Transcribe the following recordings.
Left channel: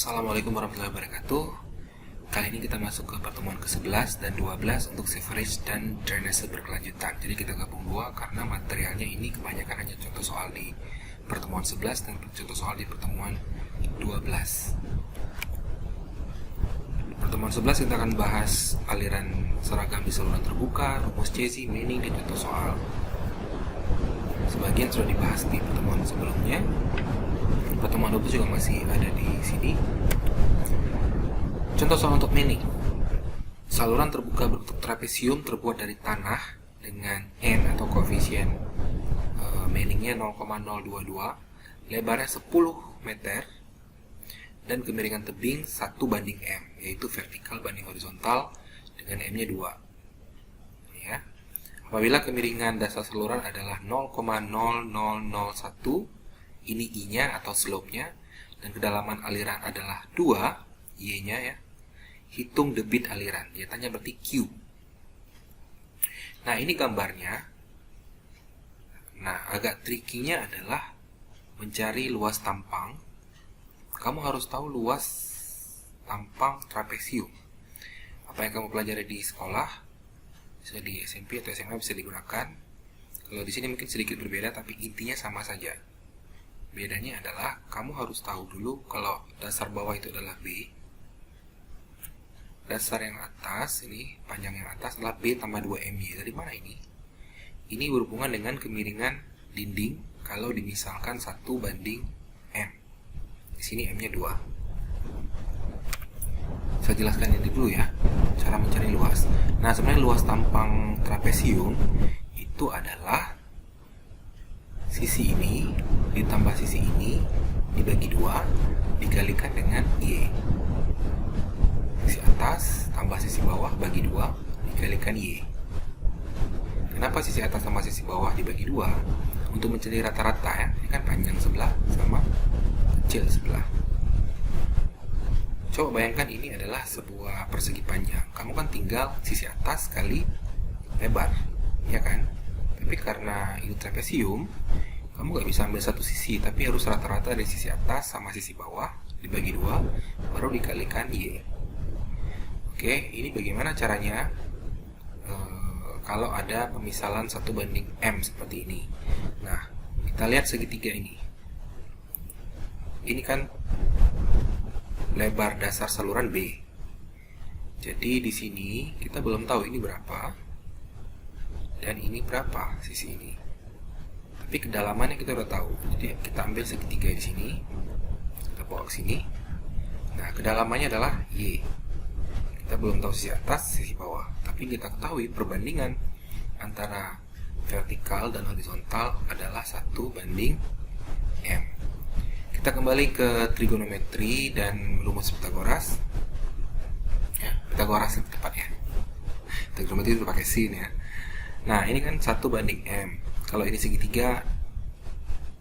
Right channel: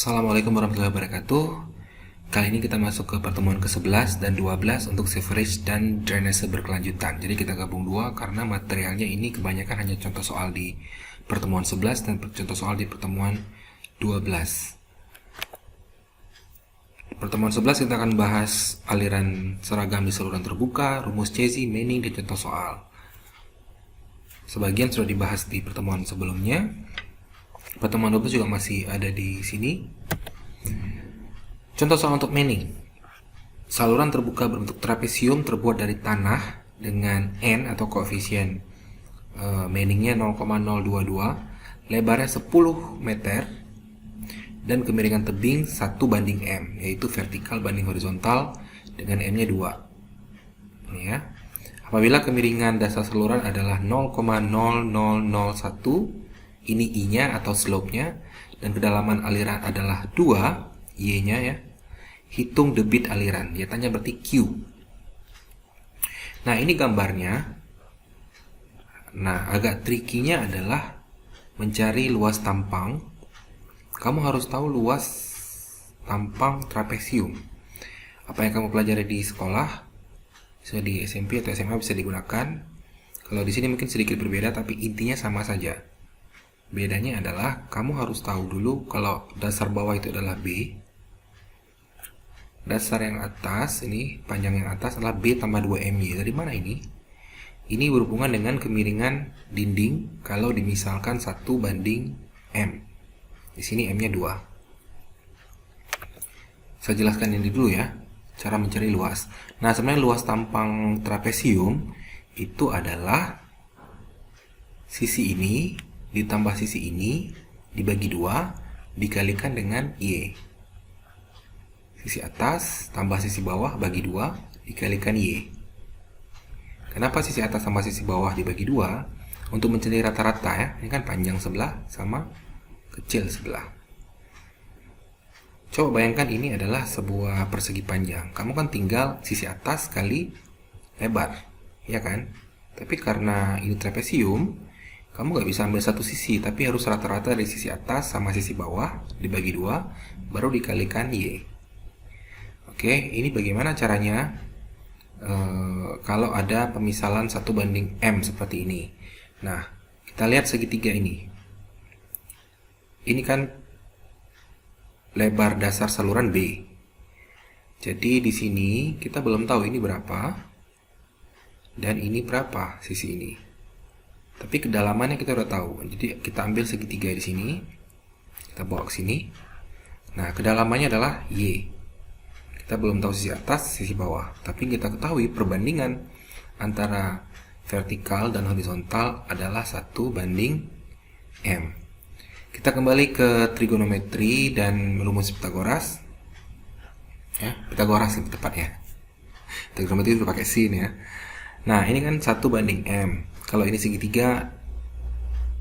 Assalamualaikum warahmatullahi wabarakatuh. Kali ini kita masuk ke pertemuan ke-11 dan 12 untuk sewerage dan drainase berkelanjutan. Jadi kita gabung dua karena materialnya ini kebanyakan hanya contoh soal di pertemuan 11 dan contoh soal di pertemuan 12. Pertemuan 11 kita akan bahas aliran seragam di saluran terbuka, rumus Cesi, Manning, dan contoh soal. Sebagian sudah dibahas di pertemuan sebelumnya. Pertemuan 12 juga masih ada di sini. Contoh soal untuk Manning. Saluran terbuka berbentuk trapesium terbuat dari tanah dengan N atau koefisien Manningnya 0,022, lebarnya 10 meter, dan kemiringan tebing 1:M, yaitu vertikal banding horizontal dengan M-nya 2. Ini ya. Apabila kemiringan dasar saluran adalah 0,0001, ini I-nya atau slope-nya, dan kedalaman aliran adalah 2, Y-nya ya. Hitung debit aliran, dia tanya berarti Q. Nah, ini gambarnya. Nah, agak tricky-nya adalah mencari luas tampang. Kamu harus tahu luas tampang trapesium. Apa yang kamu pelajari di sekolah, bisa di SMP atau SMA bisa digunakan. Kalau di sini mungkin sedikit berbeda, tapi intinya sama saja. Bedanya adalah kamu harus tahu dulu kalau dasar bawah itu adalah B. Dasar yang atas, ini panjang yang atas adalah B tambah 2MY. Dari mana ini? Ini berhubungan dengan kemiringan dinding kalau dimisalkan 1:M. Di sini M-nya 2. Saya jelaskan ini dulu ya, cara mencari luas. Nah, sebenarnya luas tampang trapesium itu adalah sisi ini ditambah sisi ini dibagi 2 dikalikan dengan Y. Sisi atas tambah sisi bawah bagi 2 dikalikan Y. Kenapa sisi atas tambah sisi bawah dibagi 2? Untuk mencari rata-rata ya. Ini kan panjang sebelah sama kecil sebelah. Coba bayangkan ini adalah sebuah persegi panjang. Kamu kan tinggal sisi atas kali lebar, ya kan? Tapi karena ini trapesium, kamu nggak bisa ambil satu sisi, tapi harus rata-rata dari sisi atas sama sisi bawah dibagi 2 baru dikalikan Y. Oke, ini bagaimana caranya kalau ada pemisalan 1:M seperti ini. Nah, kita lihat segitiga ini. Ini kan lebar dasar saluran B. Jadi di sini kita belum tahu ini berapa dan ini berapa sisi ini. Tapi kedalamannya kita udah tahu. Jadi kita ambil segitiga di sini, kita bawa ke sini. Nah, kedalamannya adalah Y. Kita belum tahu sisi atas, sisi bawah. Tapi kita ketahui perbandingan antara vertikal dan horizontal adalah 1:M. Kita kembali ke trigonometri dan rumus Pitagoras. Ya, Pitagoras itu tepatnya. Trigonometri itu pakai sin ya. Nah, ini kan 1:M. Kalau ini segitiga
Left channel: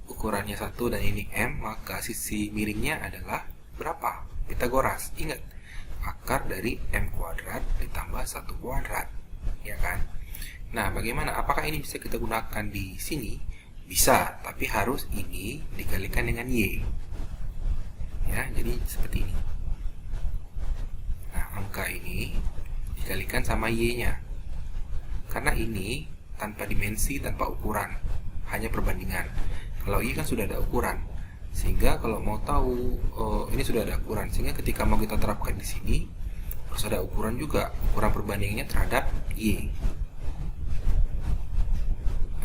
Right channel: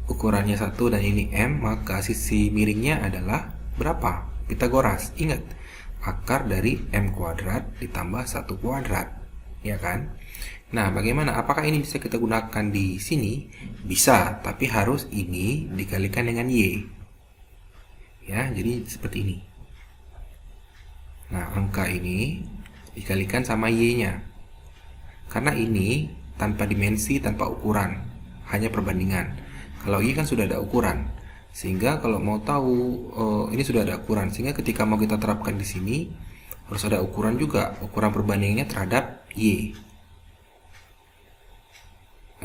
ukurannya 1 dan ini M, maka sisi miringnya adalah berapa? Pitagoras. Ingat, akar dari M kuadrat ditambah 1 kuadrat, ya kan? Nah, bagaimana? Apakah ini bisa kita gunakan di sini? Bisa, tapi harus ini dikalikan dengan Y. Ya, jadi seperti ini. Nah, angka ini dikalikan sama Y-nya. Karena ini tanpa dimensi, tanpa ukuran, hanya perbandingan. Kalau Y kan sudah ada ukuran, sehingga kalau mau tahu ini sudah ada ukuran, sehingga ketika mau kita terapkan di sini harus ada ukuran juga, ukuran perbandingannya terhadap Y.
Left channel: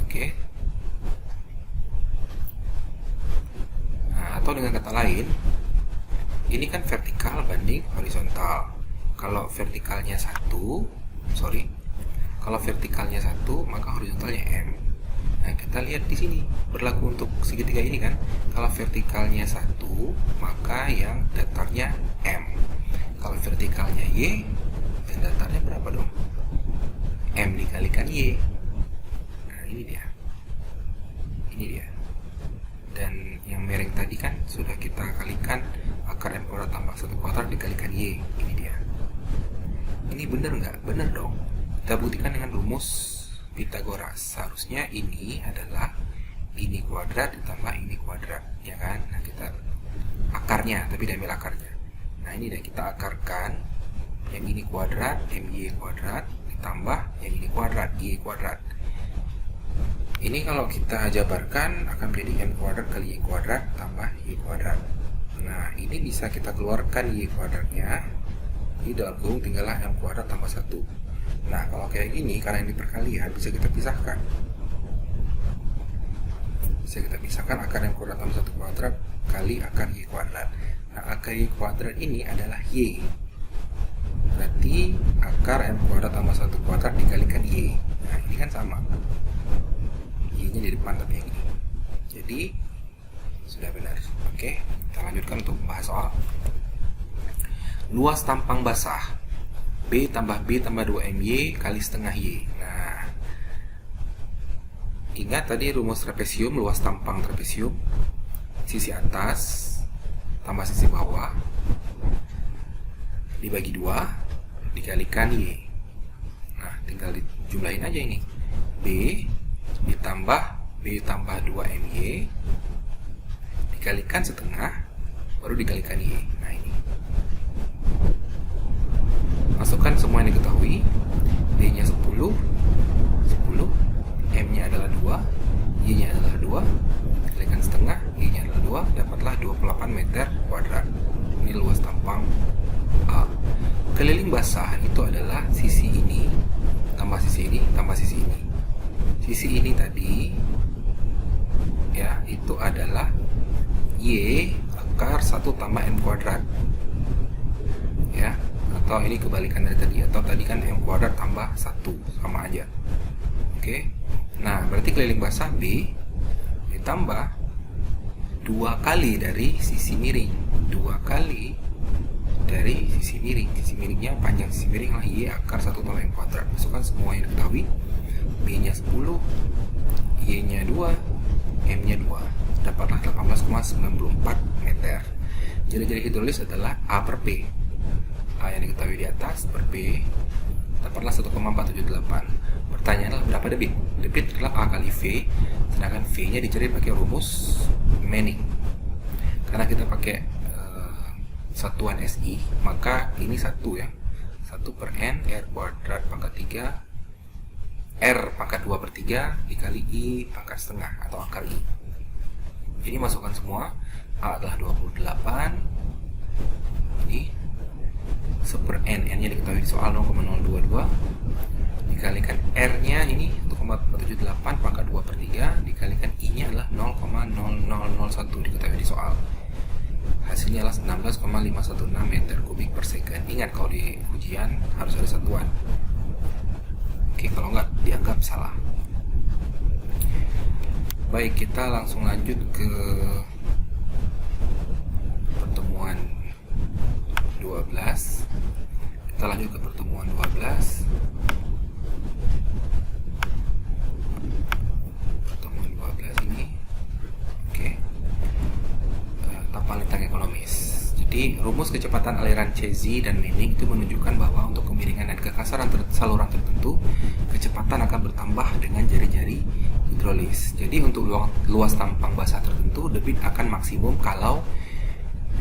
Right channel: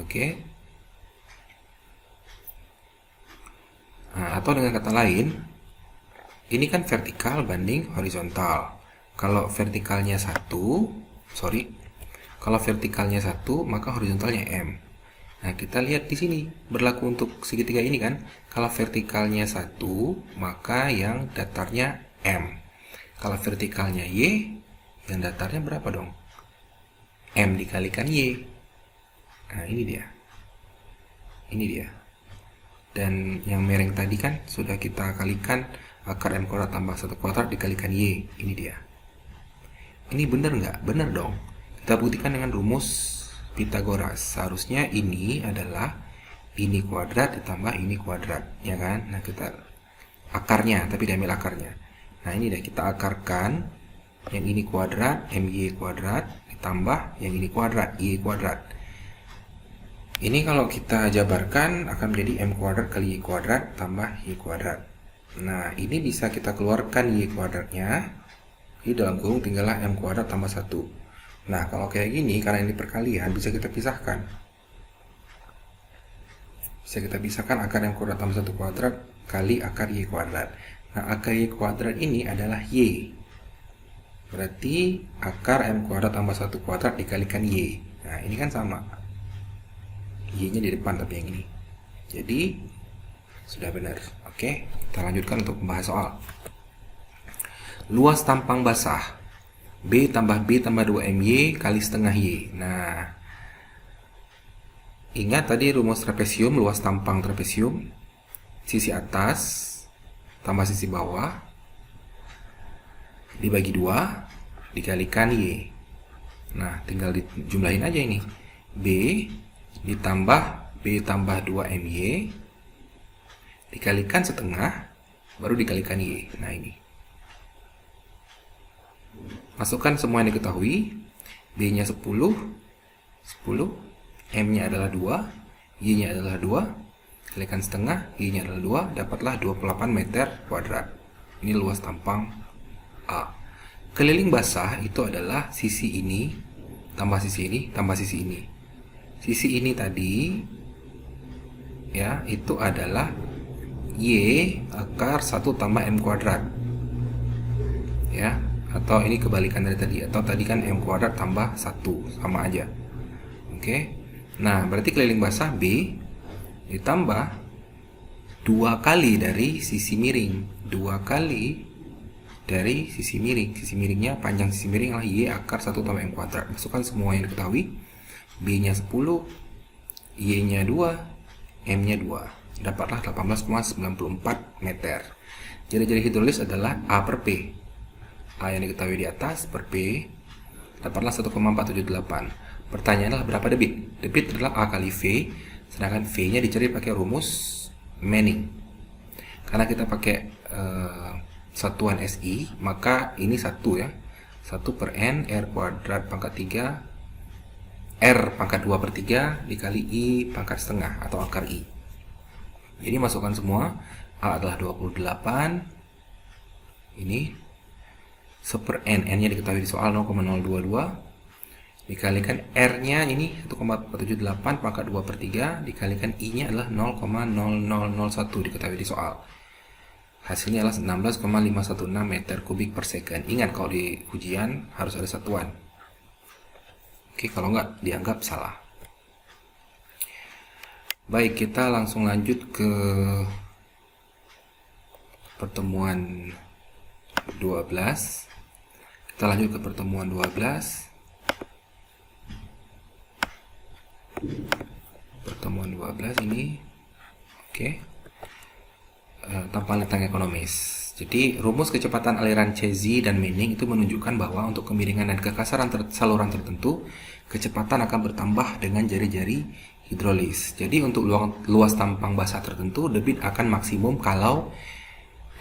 Oke. Nah, atau dengan kata lain, ini kan vertikal banding horizontal. Kalau vertikalnya 1, kalau vertikalnya 1, maka horizontalnya M. Nah, kita lihat di sini berlaku untuk segitiga ini kan. Kalau vertikalnya 1, maka yang datarnya M. Kalau vertikalnya Y, yang datarnya berapa dong? M dikalikan Y. Nah, ini dia. Ini dia. Dan yang mereng tadi kan sudah kita kalikan akar M kuadrat tambah 1 kuadrat dikalikan Y. Ini dia. Ini benar nggak? Benar dong. Kita buktikan dengan rumus Pitagoras. Seharusnya ini adalah ini kuadrat ditambah ini kuadrat, ya kan? Nah, kita akarnya, tapi diambil akarnya. Nah ini dah kita akarkan. Yang ini kuadrat, MY kuadrat, ditambah yang ini kuadrat, Y kuadrat. Ini kalau kita jabarkan akan menjadi M kuadrat kali Y kuadrat tambah Y kuadrat. Nah ini bisa kita keluarkan Y kuadratnya. Di dalam kurung tinggallah M kuadrat tambah 1. Nah kalau kayak gini, karena ini perkalian, bisa kita pisahkan. Bisa kita pisahkan akar M kuadrat tambah 1 kuadrat kali akar Y kuadrat. Nah akar Y kuadrat ini adalah Y. Berarti akar M kuadrat tambah 1 kuadrat dikalikan Y. Nah ini kan sama, Y nya di depan tapi yang ini. Jadi sudah benar. Oke, kita lanjutkan untuk membahas soal. Luas tampang basah B tambah 2 MY kali setengah Y. Nah, ingat tadi rumus trapesium, luas tampang trapesium, sisi atas tambah sisi bawah dibagi 2 dikalikan Y. Nah, tinggal dijumlahin aja ini. B ditambah B tambah 2 MY dikalikan setengah baru dikalikan Y. Nah, ini. Masukkan semua yang diketahui. B-nya 10, M-nya adalah 2, Y-nya adalah 2, kalikan setengah, Y-nya adalah 2, dapatlah 28 meter kuadrat. Ini luas tampang A. Keliling basah itu adalah sisi ini tambah sisi ini tambah sisi ini. Sisi ini tadi ya itu adalah Y akar 1 tambah M kuadrat. Ya, atau ini kebalikan dari tadi, atau tadi kan M kuadrat tambah 1, sama aja. Oke. Nah, berarti keliling basah B ditambah 2 kali dari sisi miring, 2 kali dari sisi miring. Sisi miringnya, panjang sisi miring adalah Y akar 1 tambah M kuadrat. Masukkan semua yang diketahui. B-nya 10, Y-nya 2, M-nya 2. Dapatlah 18,94 meter. Jari-jari hidrolis adalah A per P. A yang diketahui di atas per P dapatlah 1,478. Pertanyaannya adalah berapa debit? Debit adalah A kali V, sedangkan V-nya dicari pakai rumus Manning. Karena kita pakai satuan SI, maka ini 1 ya. 1 per N R kuadrat pangkat 3 R pangkat 2 per 3 dikali I pangkat setengah atau akar I. Jadi masukkan semua. A adalah 28. Ini 1 per N, N-nya diketahui di soal 0,022 dikalikan R-nya ini 1,478 pangkat 2 per 3 dikalikan I-nya adalah 0,0001 diketahui di soal. Hasilnya adalah 16,516 meter kubik per second. Ingat kalau di ujian harus ada satuan. Oke, kalau nggak dianggap salah. Baik, kita langsung lanjut ke pertemuan 12. Kita lanjut ke pertemuan 12. Pertemuan 12 ini oke. Tampang lintang ekonomis. Jadi rumus kecepatan aliran Cauchy dan Manning itu menunjukkan bahwa untuk kemiringan dan kekasaran saluran tertentu, kecepatan akan bertambah dengan jari-jari hidrolis. Jadi untuk luas tampang basah tertentu, debit akan maksimum kalau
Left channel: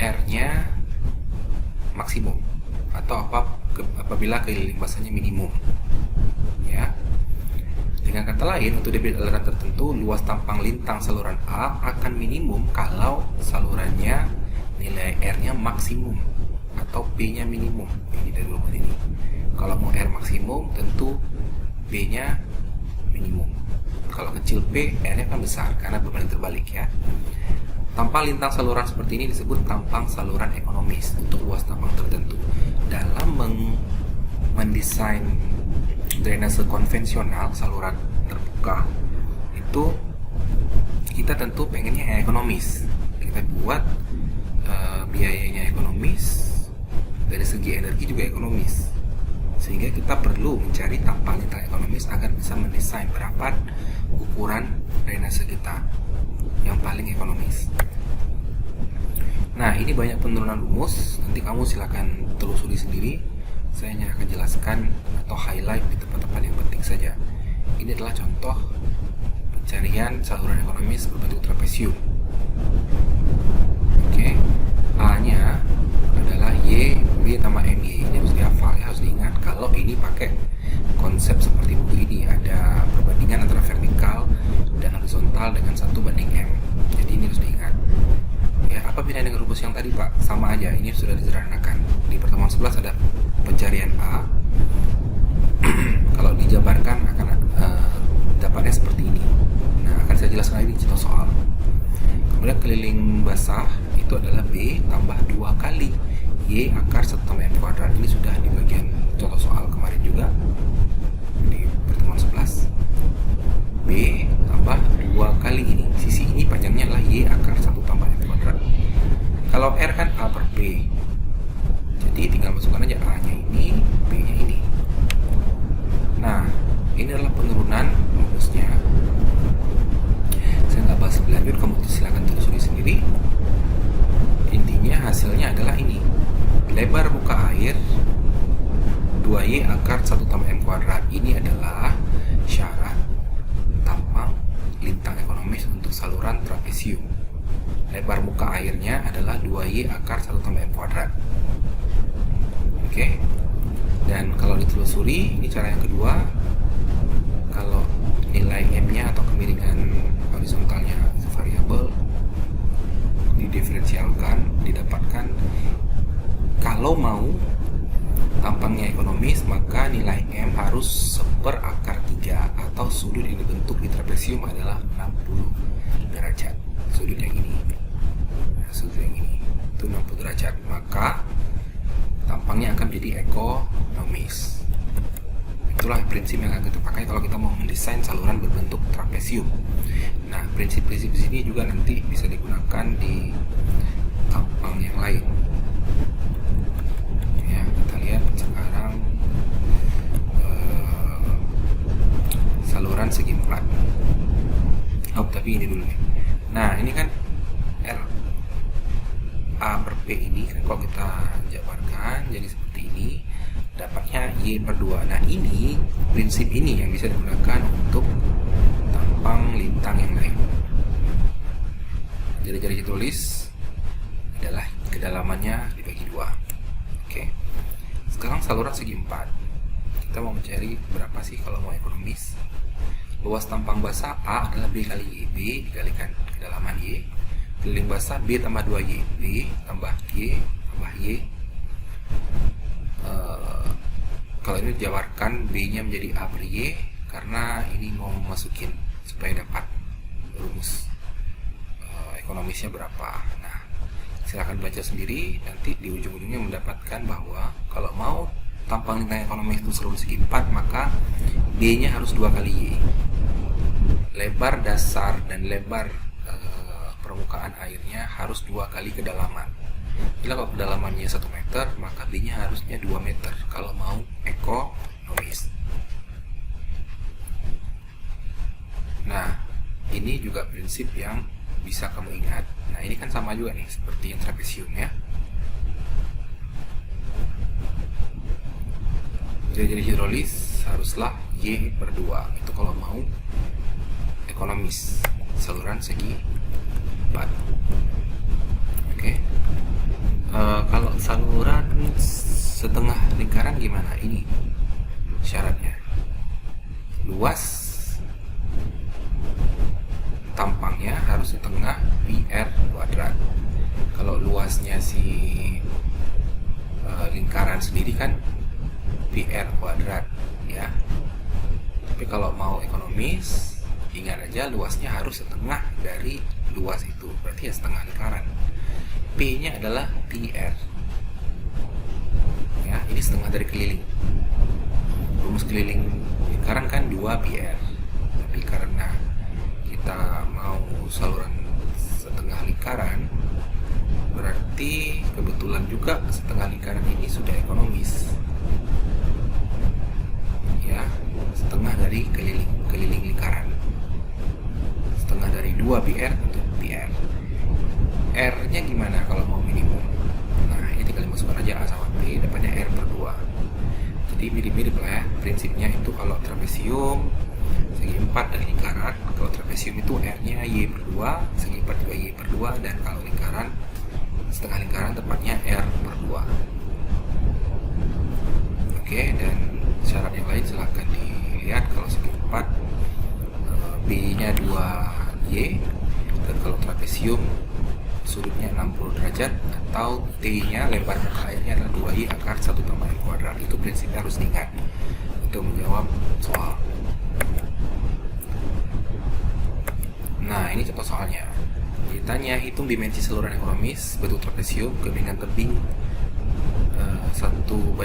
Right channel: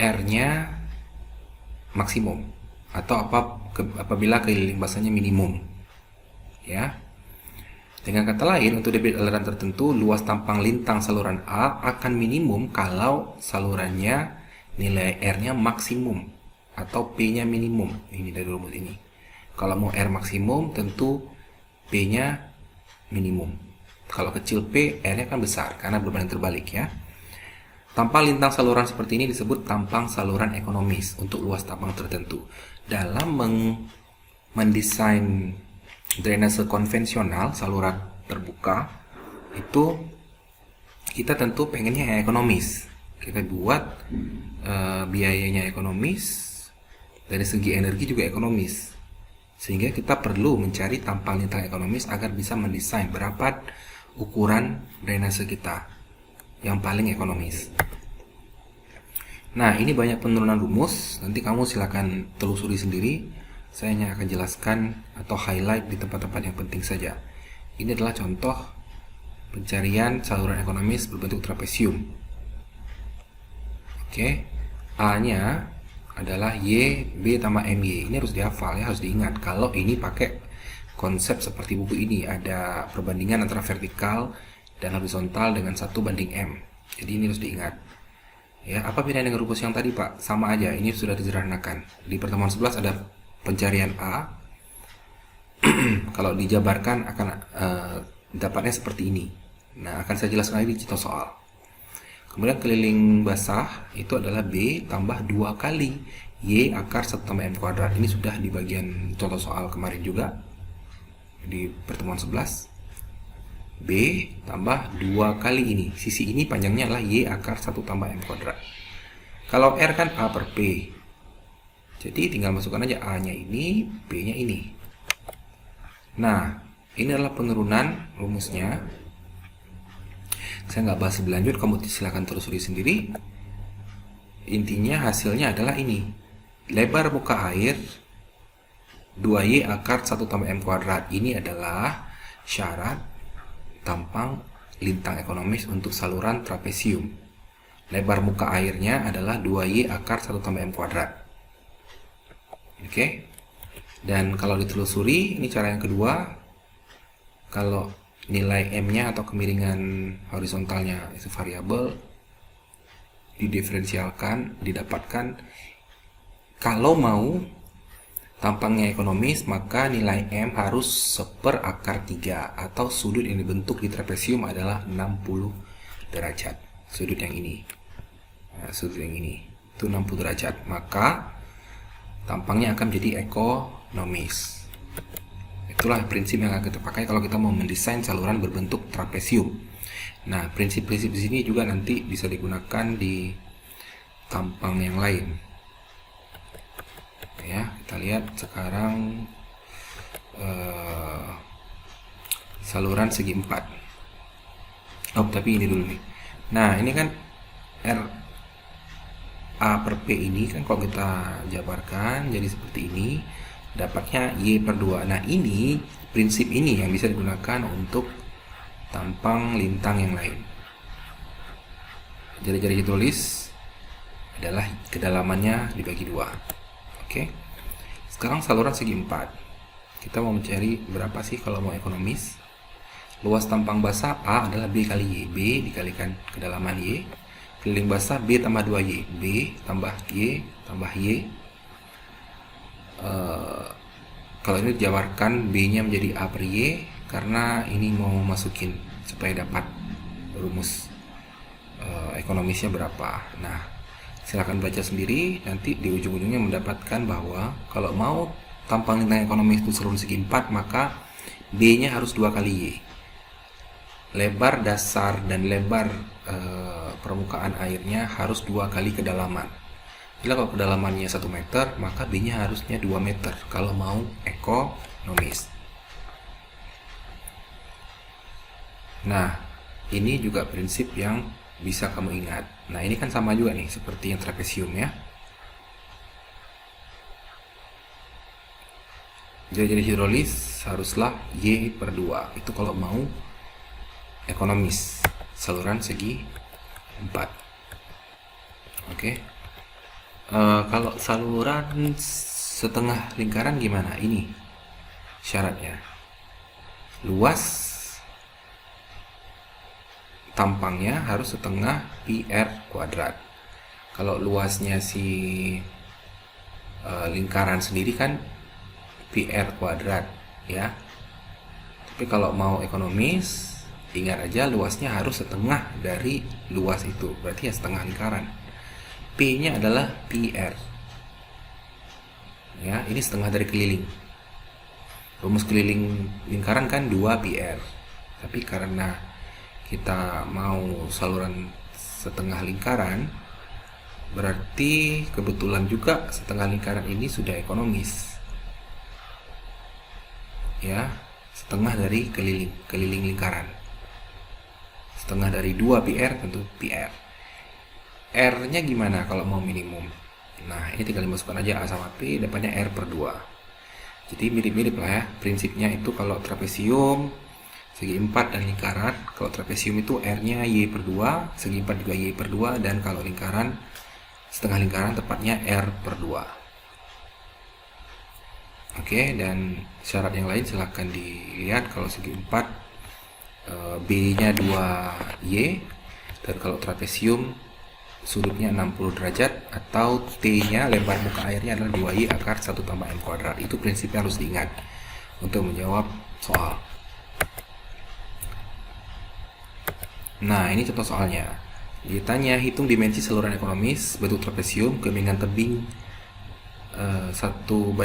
R-nya maksimum, atau apabila keliling basahnya minimum. Ya. Dengan kata lain, untuk debit aliran tertentu, luas tampang lintang saluran A akan minimum kalau salurannya nilai R-nya maksimum atau P-nya minimum. Ini dari rumus ini. Kalau mau R maksimum, tentu P-nya minimum. Kalau kecil P, R-nya kan besar karena berbanding terbalik ya. Tampang lintang saluran seperti ini disebut tampang saluran ekonomis untuk luas tampang tertentu. Dalam mendesain drainase konvensional saluran terbuka itu kita tentu pengennya yang ekonomis. Kita buat biayanya ekonomis, dari segi energi juga ekonomis, sehingga kita perlu mencari tampang lintang ekonomis agar bisa mendesain berapa ukuran drainase kita yang paling ekonomis. Nah, ini banyak penurunan rumus, nanti kamu silakan telusuri sendiri. Saya hanya akan jelaskan atau highlight di tempat-tempat yang penting saja. Ini adalah contoh pencarian saluran ekonomis berbentuk trapesium. Oke, A-nya adalah Y, B tambah MY. Ini harus dihafal ya, harus diingat. Kalau ini pakai konsep seperti buku ini, ada perbandingan antara vertikal dan horizontal dengan 1:M. Jadi ini harus diingat. Ya, apa bedanya dengan rumus yang tadi, Pak? Sama aja, ini sudah disederhanakan. Di pertemuan 11 ada pencarian A. Kalau dijabarkan akan dapatnya seperti ini. Nah, akan saya jelaskan lagi di contoh soal. Kemudian keliling basah itu adalah B tambah 2 kali Y akar 1 tambah M kuadrat. Ini sudah di bagian contoh soal kemarin juga, di pertemuan 11. B tambah 2 kali ini. Sisi ini panjangnya adalah Y akar 1 tambah M kuadrat. Kalau R kan A per B. Jadi tinggal masukkan aja A-nya ini, B-nya ini. Nah, ini adalah penurunan rumusnya. Saya nggak bahas lebih lanjut, kamu silakan telusuri sendiri. Intinya hasilnya adalah ini. Lebar muka air 2Y akar 1 tambah M kuadrat. Ini adalah syarat tampang lintang ekonomis untuk saluran trapesium. Lebar muka airnya adalah 2Y akar 1 tambah M kuadrat. Oke. Dan kalau ditelusuri, ini cara yang kedua. Kalau nilai M-nya atau kemiringan horizontalnya itu variabel, didiferensialkan, didapatkan. Kalau mau tampangnya ekonomis, maka nilai M harus 1/akar 3, atau sudut yang dibentuk di trapesium adalah 60 derajat. Sudut yang ini, nah, sudut yang ini itu 60 derajat, maka tampangnya akan menjadi ekonomis. Itulah prinsip yang akan kita pakai kalau kita mau mendesain saluran berbentuk trapesium. Nah, prinsip-prinsip di sini juga nanti bisa digunakan di tampang yang lain. Ya, kita lihat sekarang saluran segi 4. Oh, tapi ini dulu nih. Nah, ini kan R A per P ini kan kalau kita jabarkan jadi seperti ini, dapatnya Y per 2. Nah, ini prinsip ini yang bisa digunakan untuk tampang lintang yang lain. Jari-jari hidrolis adalah kedalamannya dibagi 2. Oke. Sekarang saluran segi 4. Kita mau mencari berapa sih kalau mau ekonomis? Luas tampang basah A adalah B kali Y. B dikalikan kedalaman Y. Keliling basah B tambah 2Y. B tambah Y tambah Y. Kalau ini dijabarkan B-nya menjadi A per Y, karena ini mau masukin supaya dapat rumus ekonomisnya berapa. Nah, silakan baca sendiri, nanti di ujung-ujungnya mendapatkan bahwa kalau mau tampang lintang ekonomis itu saluran segi 4, maka B-nya harus 2 kali Y. Lebar dasar dan lebar permukaan airnya harus 2 kali kedalaman. Bila kalau kedalamannya 1 meter, maka B-nya harusnya 2 meter kalau mau ekonomis. Nah, ini juga prinsip yang bisa kamu ingat. Nah, ini kan sama juga nih seperti yang trapesium ya. Jadi hidrolis haruslah Y per 2. Itu kalau mau ekonomis saluran segi 4. Oke. Kalau saluran setengah lingkaran gimana? Ini syaratnya. Luas tampangnya harus setengah PR kuadrat. Kalau luasnya si lingkaran sendiri kan PR kuadrat ya. Tapi kalau mau ekonomis, ingat aja luasnya harus setengah dari luas itu. Berarti ya setengah lingkaran. P-nya adalah PR. Ya, ini setengah dari keliling. Rumus keliling lingkaran kan 2 PR. Tapi karena kita mau saluran setengah lingkaran, berarti kebetulan juga setengah lingkaran ini sudah ekonomis. Ya, setengah dari keliling lingkaran. Setengah dari 2 PR tentu PR. R-nya gimana kalau mau minimum? Nah, ini tinggal dimasukkan aja A sama P, dapatnya R per 2. Jadi mirip-mirip lah ya. Prinsipnya itu kalau trapesium segi 4 dan lingkaran, kalau trapesium itu R-nya Y per 2, segi 4 juga Y per 2, dan kalau lingkaran setengah lingkaran, tepatnya R per 2. Oke, dan syarat yang lain silahkan dilihat. Kalau segi 4, B nya 2Y, dan kalau trapesium sudutnya 60 derajat, atau T nya lebar muka airnya adalah 2Y akar 1 tambah M kuadrat. Itu prinsipnya harus diingat untuk menjawab soal. Nah, ini contoh soalnya. Ditanya hitung dimensi saluran ekonomis bentuk trapesium kemiringan tebing 1:2,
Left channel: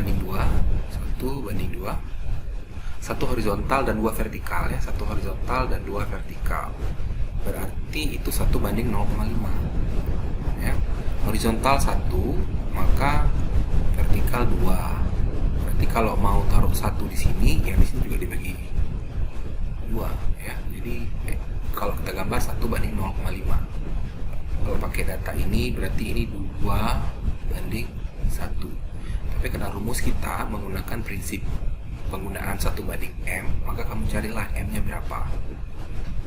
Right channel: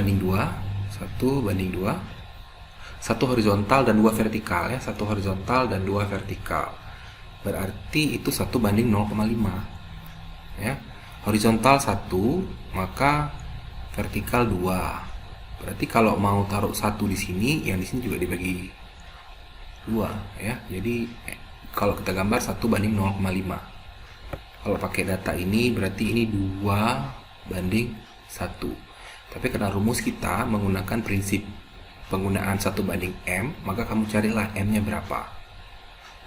1 horizontal dan 2 vertikal ya, 1 horizontal dan 2 vertikal. Berarti itu 1:0,5 ya. Horizontal 1, maka vertikal 2. Berarti kalau mau taruh 1 di sini, yang di sini juga dibagi 2 ya. Jadi kalau kita gambar 1:0,5. Kalau pakai data ini berarti ini 2:1. Tapi karena rumus kita menggunakan prinsip penggunaan 1:M, maka kamu carilah M-nya berapa.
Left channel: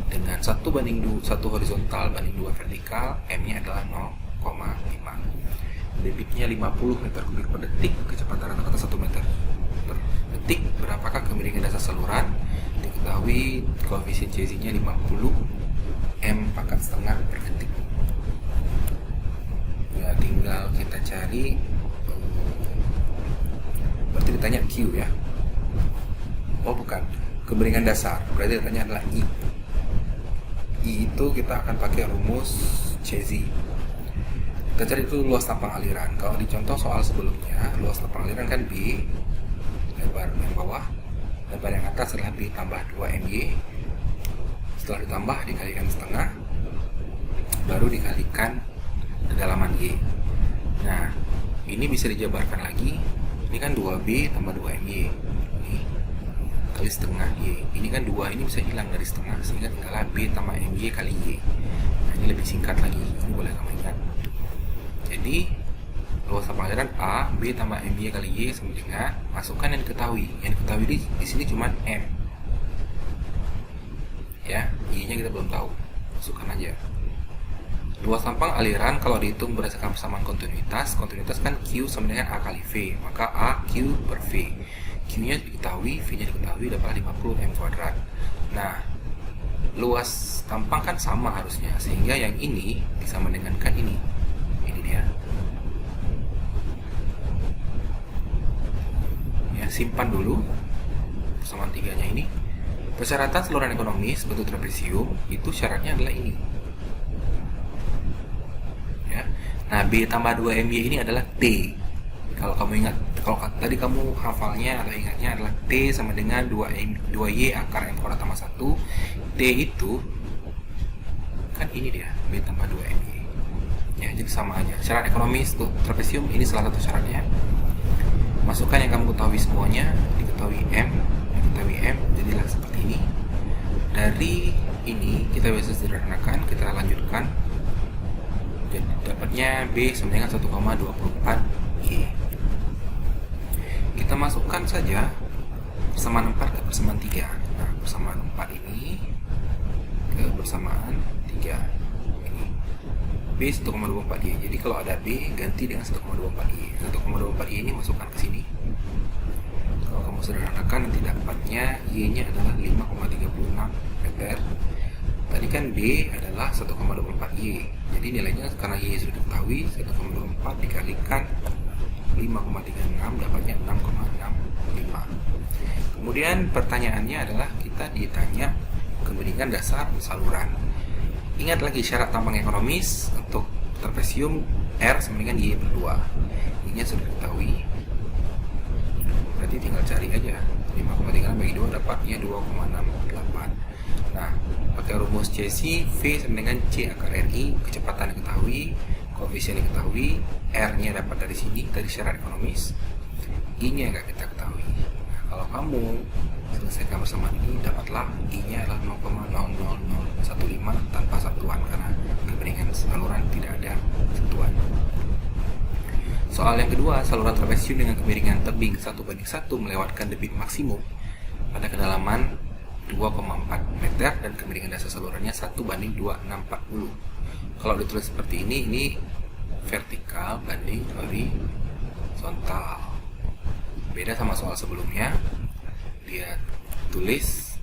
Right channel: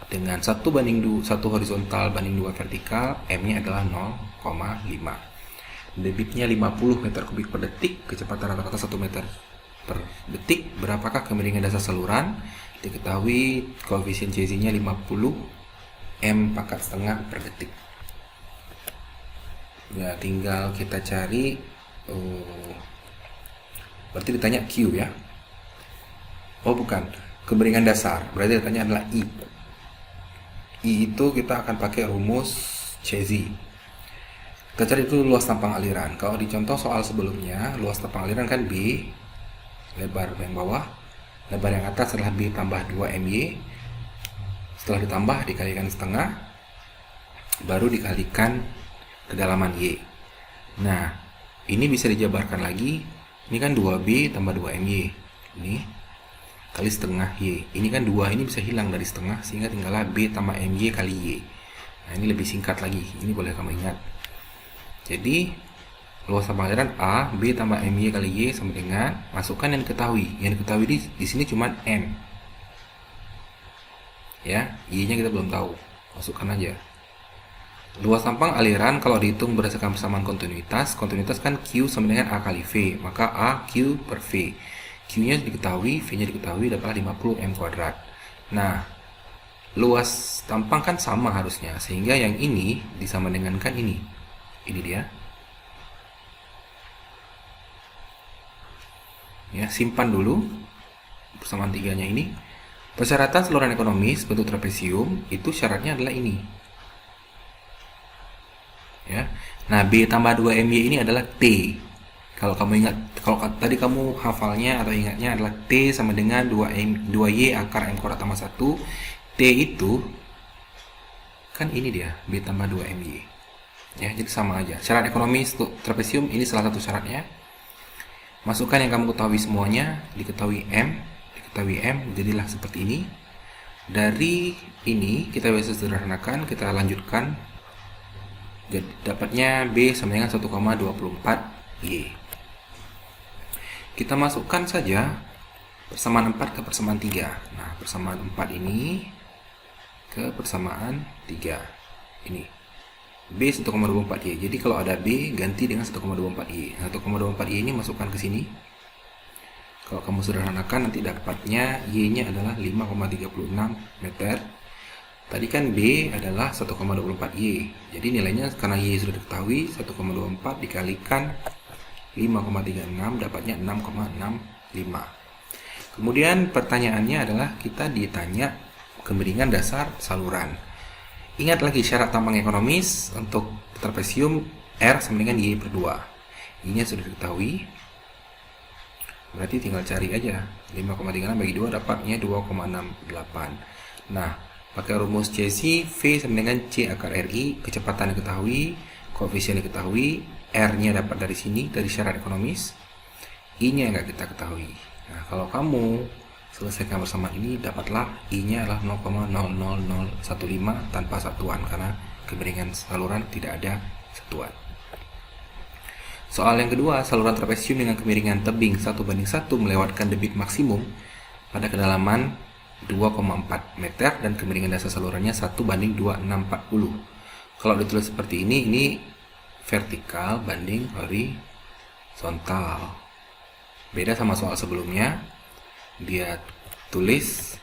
Dengan 1 horizontal banding 2 vertikal, M-nya adalah 0,5. Debitnya 50 meter kubik per detik, kecepatan rata-rata 1 meter per detik. Berapakah kemiringan dasar saluran? Diketahui koefisien Cz-nya 50 M pangkat setengah per detik. Ya, tinggal kita cari. Berarti ditanya Q ya. Oh bukan, kemiringan dasar. Berarti ditanya adalah I. I itu kita akan pakai rumus Cz. Kita cari itu luas tampang aliran. Kalau di contoh soal sebelumnya, luas tampang aliran kan B, lebar yang bawah, lebar yang atas adalah B tambah 2MY. Setelah ditambah dikalikan setengah, baru dikalikan kedalaman Y. Nah, ini bisa dijabarkan lagi. Ini kan 2B tambah 2MY. Ini kali setengah Y. Ini kan 2, ini bisa hilang dari setengah, sehingga tinggallah B tambah MY kali Y. Nah, ini lebih singkat lagi. Ini boleh kamu ingat. Jadi, luas tampang aliran A, B tambah MY kali Y sama dengan, masukkan yang diketahui. Yang diketahui di sini cuma M. Ya, Y-nya kita belum tahu. Masukkan aja. Luas tampang aliran kalau dihitung berdasarkan persamaan kontinuitas kan Q sama dengan A kali V, maka A Q per V. Q-nya diketahui, V-nya diketahui, dapatlah 50 M kuadrat. Nah, luas tampang kan sama harusnya, sehingga yang ini disama dengankan ini. Ini dia. Ya, simpan dulu persamaan 3-nya ini. Persyaratan saluran ekonomis bentuk trapesium itu syaratnya adalah ini. Ya. Nah, B tambah 2MY ini adalah T. Kalau kamu ingat, kalau tadi kamu hafalnya atau ingatnya adalah T sama dengan 2Y akar M kuadrat tambah 1. T itu kan ini dia, B tambah 2MY. Ya, jadi sama aja. Syarat ekonomis untuk trapesium ini salah satu syaratnya. Masukkan yang kamu ketahui semuanya, diketahui M, jadilah seperti ini. Dari ini kita bisa sederhanakan, kita lanjutkan. Jadi dapatnya B sama dengan 1,24 Y. Kita masukkan saja persamaan 4 ke persamaan 3. Nah, persamaan 4 ini ke persamaan 3. Ini B 1,24 Y. Jadi kalau ada B ganti dengan 1,24 Y. 1,24 Y ini masukkan ke sini. Kalau kamu sederhanakan nanti dapatnya Y-nya adalah 5,36 meter. Tadi kan B adalah 1,24 Y. Jadi nilainya karena Y sudah diketahui, 1,24 dikalikan 5,36 dapatnya 6,65. Kemudian pertanyaannya adalah kita ditanya kemiringan dasar saluran. Ingat lagi syarat tampang ekonomis untuk trapesium R sama dengan Y per 2. Y-nya sudah diketahui. Berarti tinggal cari aja. 5,36 bagi 2 dapatnya 2,68. Nah, pakai rumus Cz, V sama dengan C akar RI, kecepatan diketahui, koefisien diketahui, R-nya dapat dari sini, dari syarat ekonomis, I-nya nggak kita ketahui. Nah, kalau kamu selesaikan persamaan ini, dapatlah I-nya adalah 0,00015 tanpa satuan, karena kemiringan saluran tidak ada satuan. Soal yang kedua, saluran trapesium dengan kemiringan tebing 1:1 melewatkan debit maksimum pada kedalaman 2,4 meter dan kemiringan dasar salurannya 1:2640. Kalau ditulis seperti ini vertikal banding horizontal. Beda sama soal sebelumnya, dia tulis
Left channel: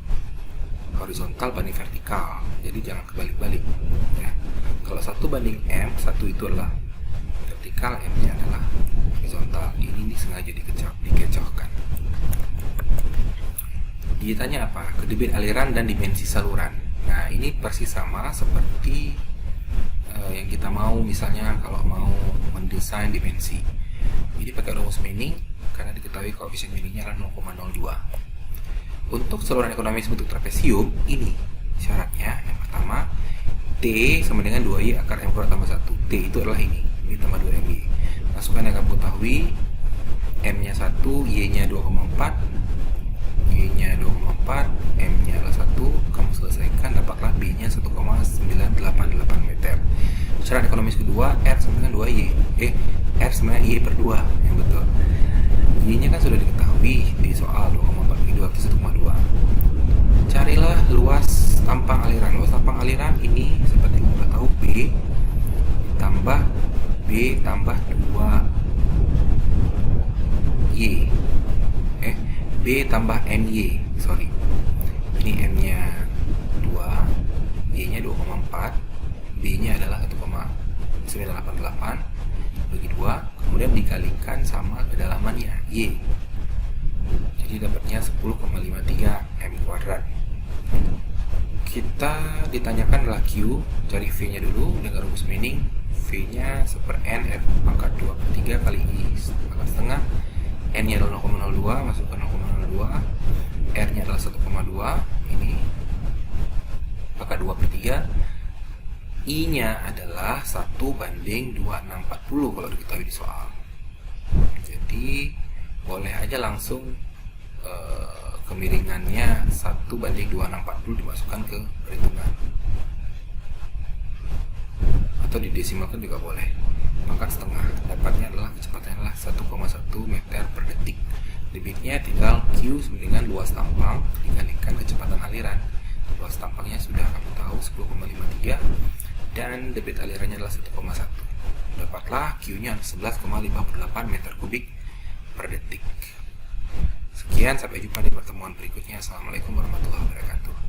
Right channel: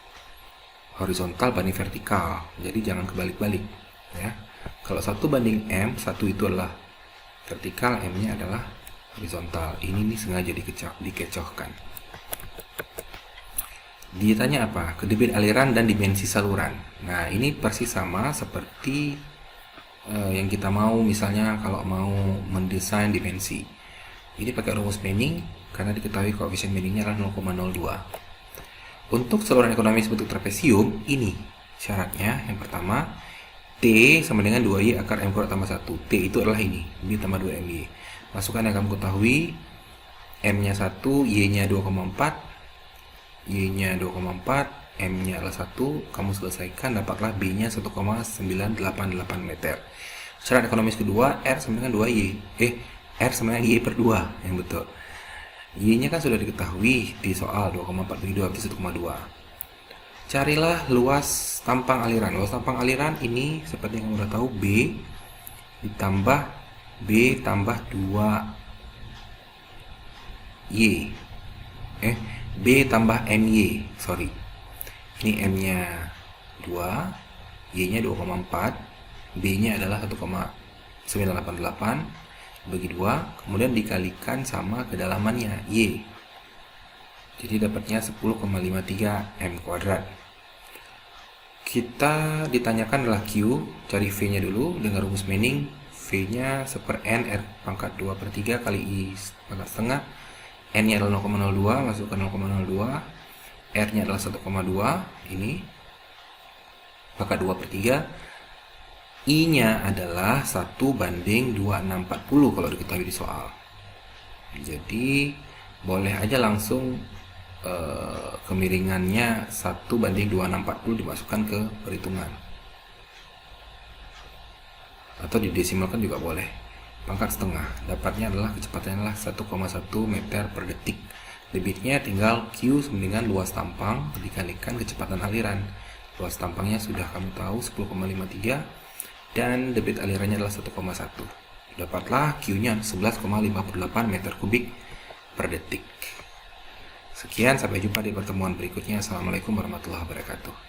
horizontal banding vertikal, jadi jangan kebalik-balik ya. Kalau 1 banding M, 1 itu adalah vertikal, M-nya adalah horizontal. Ini nih sengaja dikecohkan. Ditanya apa? Kedebit aliran dan dimensi saluran. Nah, ini persis sama seperti yang kita mau, misalnya kalau mau mendesain dimensi. Ini pakai rumus Manning karena diketahui koefisien Manningnya adalah 0,02. Untuk saluran ekonomis bentuk trapesium, ini syaratnya. Yang pertama, T sama dengan 2Y akar M kuadrat tambah 1. T itu adalah ini tambah 2MY. Masukkan yang kamu ketahui, M-nya 1, Y-nya 2,4, Y-nya 2,4, M-nya adalah 1. Kamu selesaikan, dapatlah B-nya 1,988 meter. Syarat ekonomis kedua, R sama dengan 2Y. R sama dengan Y per 2, yang betul. Y-nya kan sudah diketahui di soal 2,4 bagi 2 berarti 1,2. Carilah luas tampang aliran. Luas tampang aliran ini seperti yang udah tahu, B ditambah B tambah 2Y. B tambah MY. Sorry. Ini M-nya 2, Y-nya 2,4, B-nya adalah 1,988 bagi 2, kemudian dikalikan sama kedalamannya Y. Jadi dapatnya 10,53 M kuadrat. Kita ditanyakan adalah Q, cari V-nya dulu dengan rumus Manning. V-nya 1/N R pangkat 2 per 3 kali I pangkat setengah. N-nya adalah 0,02, masukkan 0,02. R-nya adalah 1,2, ini pangkat 2 per 3. I-nya adalah 1 banding 2640 kalau diketahui di soal. Jadi boleh aja langsung kemiringannya 1 banding 2640 dimasukkan ke perhitungan, atau didesimalkan juga boleh. Pangkat setengah, dapatnya adalah kecepatannya adalah 1,1 meter per detik. Debitnya tinggal Q dengan luas tampang dikalikan kecepatan aliran. Luas tampangnya sudah kamu tahu 10,53 dan debit alirannya adalah 1,1. Dapatlah Q-nya 11,58 meter kubik per detik. Sekian, sampai jumpa di pertemuan berikutnya. Assalamualaikum warahmatullahi wabarakatuh.